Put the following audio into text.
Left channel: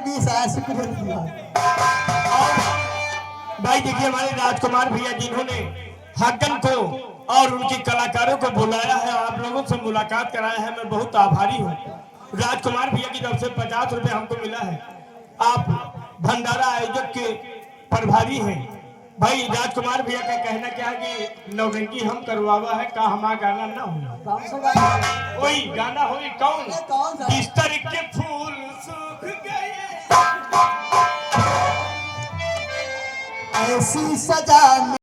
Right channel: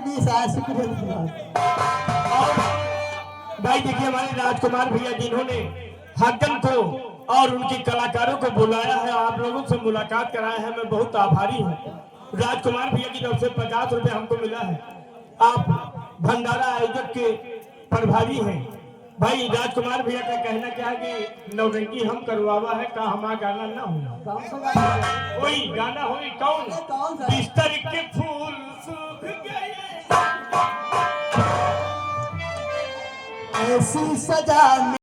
20 आया, शुक्रिया। भाई देखिए हमारे राजकुमार भैया जिन्होंने हाकम को और उनके कलाकारों को बुलाया है, आप लोगों से मुलाकात कराया है, मैं बहुत आभारी हूँ। राजकुमार भैया की तरफ से 50 रुपए हमको मिला है। आप भंडारा आयोजक के प्रभारी हैं। भाई राजकुमार भैया का कहना क्या है कि नौटंकी हम करवावा है, का हमारा गाना ना हो, कोई गाना हो कौन बिस्तर के फूल सूख गए, ऐसी सजा